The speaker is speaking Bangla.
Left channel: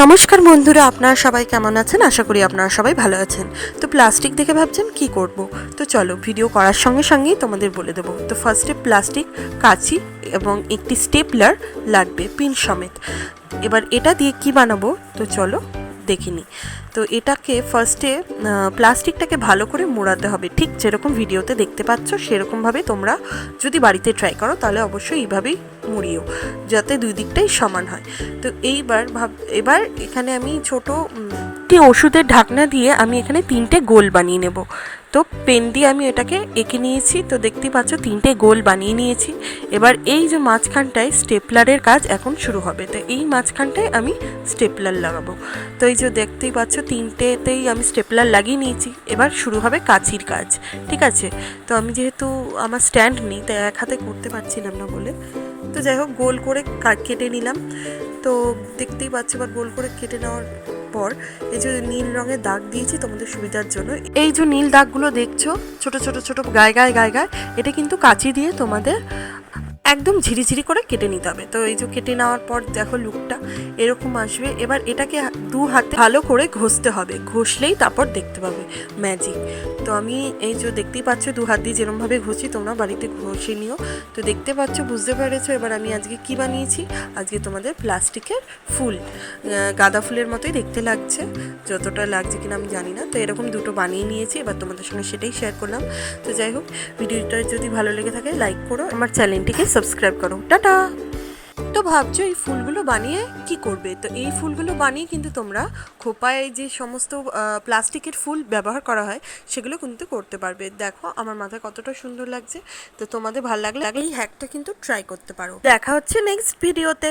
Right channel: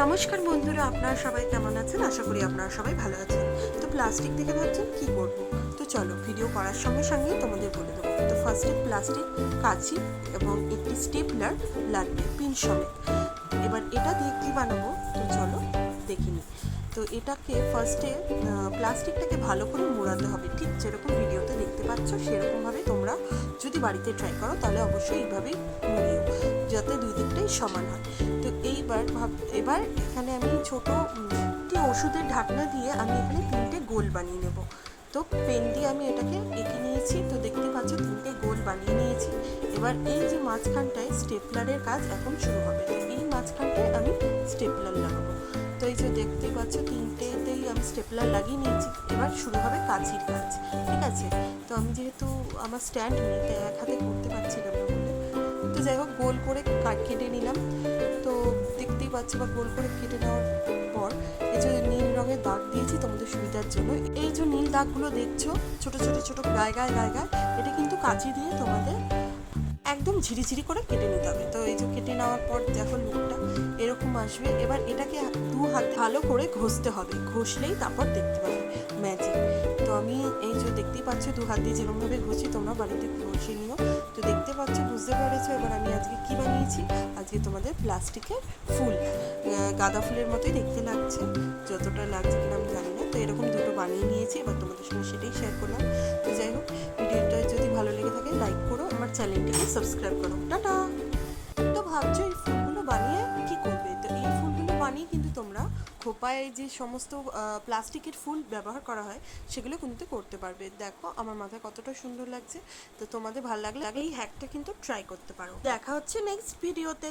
নমস্কার বন্ধুরা, আপনারা সবাই কেমন আছেন? আশা করি আপনারা সবাই ভালো আছেন। তো প্লাস্টিক দেখে ভাবছেন কি করব, তো চলো ভিডিও করার সঙ্গে সঙ্গেই তোমাদের বলে দেবো। তো ফার্স্টে প্লাস্টিক, কাঁচি এবং একটি স্টেপলার লাগবে পিন সমেত। এবার এটা দিয়ে কি বানাবো তো চলো দেখিনি। তো এটাকে ফার্স্টে প্লাস্টিকটাকে ভালো করে মোড়াতে হবে, ঠিক যেরকম ভিডিওতে দেখতে পাচ্ছ সেরকমভাবে তোমরা যদি বাড়িতে ট্রাই করো তাহলে অবশ্যই এইভাবেই মুড়িও, যাতে দুই দিকটাই সমান হয়। তো এবার এখানে আমি ছোট একটি ওষুধের ঢাকনা দিয়ে আমি এখানে 3টে গোল বানিয়ে নেব। তো পেন দিয়ে আমি এটাকে এঁকে নিয়েছি, তো দেখতেই পাচ্ছ 3টে গোল বানিয়ে নিয়েছি। এবার এই যে মাঝখানটায় স্টেপলারের কাজ এখন শুরু হবে, তো এই মাঝখানটায় আমি স্টেপলার লাগাবো। তো এই যে দেখতেই পাচ্ছ 3টেতেই আমি স্টেপলার লাগিয়ে নিয়েছি। এবার শুরু হবে কাঁচির কাজ, ঠিক আছে? তো আমি যেহেতু আমার স্ট্যান্ড নেই তাই এক হাতে করতে পারছিলাম না বলে, তো যাই হোক গোল করে কেটে নিলাম। তো দেখতেই পাচ্ছি এবার গোল করে কেটে নেওয়ার পর এই যে নীল রঙের দাগ দিয়েছি তোমাদের সুবিধার জন্য, এই যে নীল দাগগুলো দেখছো ছোট ছোট ছোট গায়ে গায়ে গায়ে গায়ে, এটা কিন্তু কাঁচি দিয়ে তোমাদের একদম ঝিরিঝিরি করে কেটে নিতে হবে। তো এই যে কেটে নেওয়ার পর দেখো লুকটা এরকম আসবে। এবার এটাকে দু হাতে ভালো করে ঘষতে হবে, ঘষলেই তারপর দেখতে পাবে ম্যাজিক। তো আমি এই যে দেখতেই পাচ্ছ দু হাত দিয়ে যেরকমভাবে ঘষি, তোমরা বাড়িতে ঘষে নিও। তো দেখতে পাচ্ছ, বুঝতে পেরেছো। এবার আমি আজকে কি বানিয়েছি, আজকে তোমাদের প্লাস্টিকের ফুল, গাঁদা ফুলের মতোই দেখতে লাগছে, যতটা লাগছে কিনা আমি জানি না। তো এরকম দুটো বানিয়ে নিয়েছি, এবার তোমাদের সঙ্গে সেটাই শেয়ার করলাম। তো যাই হোক, ভিডিওটা যদি ভালো লেগে থাকে লাইক করো, আমার চ্যানেলটিকে সাবস্ক্রাইব করো। টাটা। তো ভাবছো এই ফুলগুলো বানিয়ে কি করবে, তো এই ফুলগুলো বানিয়ে কিন্তু তোমরা খোপায় যে সমস্ত প্লাস্টিকের ফুল ব্যবহার করা হয় সেগুলো কিন্তু করতে পারবে। দেখো আমার মাথায় কতটা সুন্দর লাগছে। তো তোমাদের ভালো লাগলে এই হ্যাকটা কিন্তু ট্রাই করতে পারো। দেখা হচ্ছে নেক্সট ভিডিওতে।